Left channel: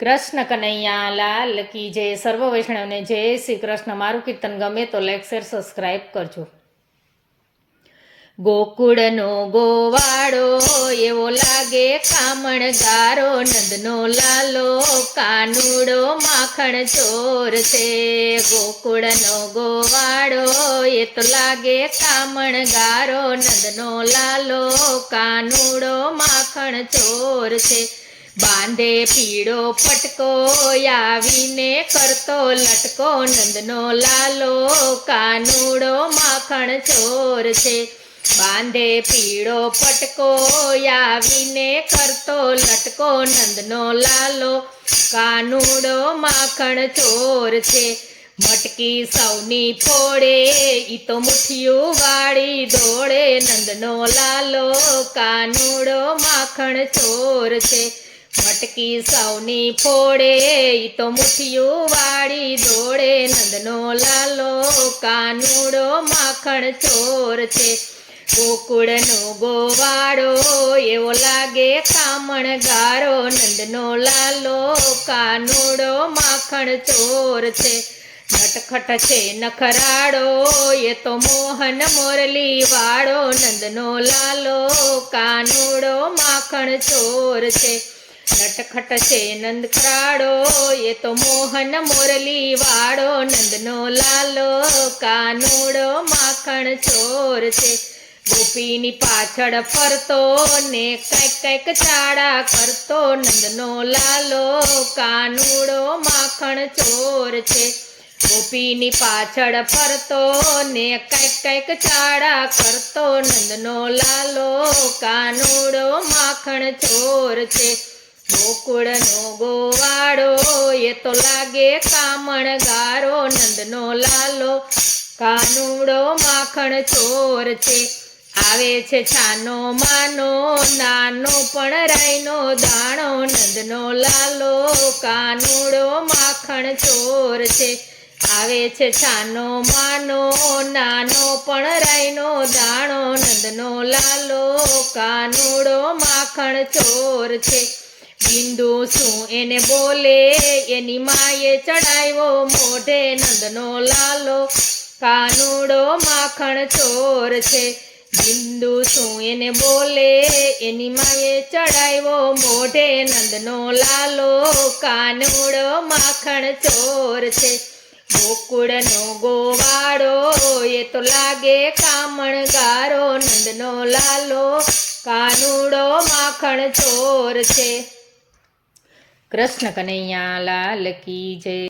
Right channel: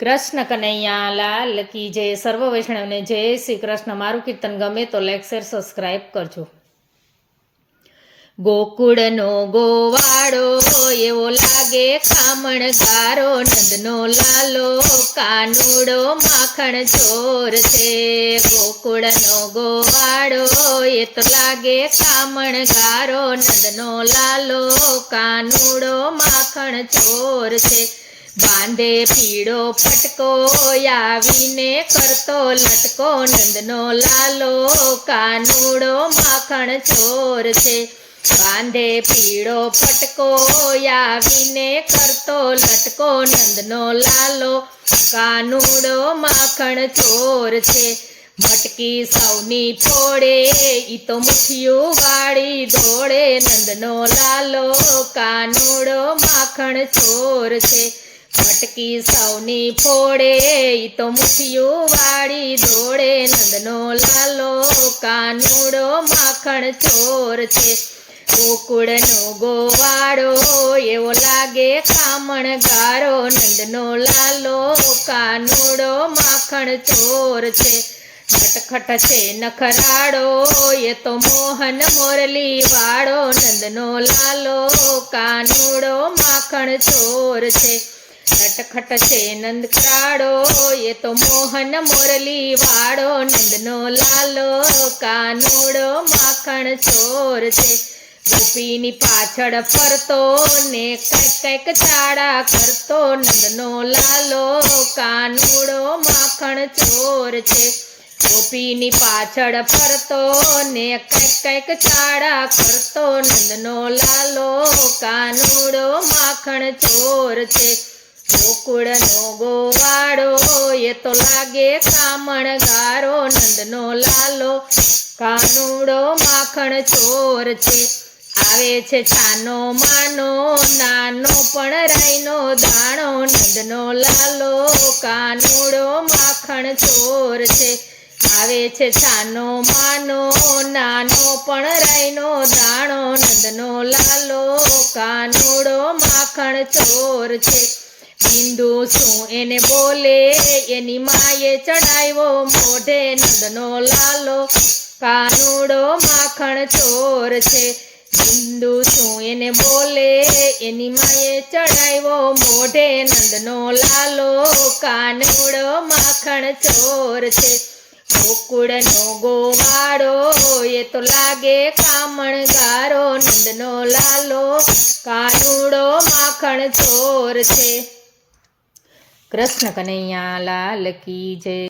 કૃષ્ણ કનૈયા લાલ કી જય. સર્વ વૈષ્ણવને જય શ્રી કૃષ્ણ. મારું કીર્તન ગમે તો લાઈક શેર સબસ્ક્રાઈબ કરજો. ગોકુળનો ગોવાળો એવો લાગે ખામણગારો, નંદનો લાલો કાનુડો માખણ ચોર છે. ગોકુળનો ગોવાળો એ તો લાગે ખામણગારો, નંદનો લાલો કાનુડો માખણ ચોર છે. બાંધે પીળો પટકો આવીને કરતો લટકો, નંદનો લાલો કાનુડો માખણ ચોર છે. બાંધે પીળો પટકો આવીને કરતો લટકો, નંદનો લાલો કાનુડો માખણ ચોર છે. મટકી સૌની ફોડે ઈ તો મુઠિયું વાળી દોડે, નંદનો લાલો કાનુડો માખણ ચોર છે. મટકી સૌની ફોડે ઈ તો મુઠિયું વાળી દોડે, નંદનો લાલો કાનુડો માખણ ચોર છે. ગોકુળનો ગોવાળો એવો લાગે ખામણગારો, નંદનો લાલો કાનુડો માખણ ચોર છે. નટખટ છે નખરાડો એ તો મોહન મોરલી વાળો, નંદનો લાલો કાનુડો માખણ ચોર છે. નટખટ છે નંદકરાડો એ તો મોહન મોરલી વાળો, નંદનો લાલો કાનુડો માખણ ચોર છે. ગોપીની પાછળ ફરતો ને કંઈક કંઈક ચાડા કરતો, નંદનો લાલો કાનુડો માખણ ચોર છે. ગોપીની પાછળ ફરતો ને કંઈક કંઈક ચાડા કરતો, નંદનો લાલો કાનુડો માખણ ચોર છે. ગોકુળનો ગોવાળો એ તો લાગે કામણગારો, નંદનો લાલો કાનુડો માખણ ચોર છે. આવે છે છાનો માનો નાનો પણ રાઈનો દાણો, નંદનો લાલો કાનુડો માખણ ચોર છે. આવે છે છાનો માનો નાનો પણ રાઈનો દાણો, નંદનો લાલો કાનુડો માખણ ચોર છે. બિંદુ શું એને બોલે એની માએ ચડાવ્યો મોઢે, નંદનો લાલો કાનુડો માખણ ચોર છે. બિંદુ શું એને બોલે એની માએ ચડાવ્યો મોઢે, નંદનો લાલો કાનુડો માખણ ચોર છે. ગોકુળનો ગોવાળો એ તો લાગે કામણગારો, નંદનો લાલો કાનુડો માખણ ચોર છે. કૃષ્ણ કનૈયા લાલ કી જય.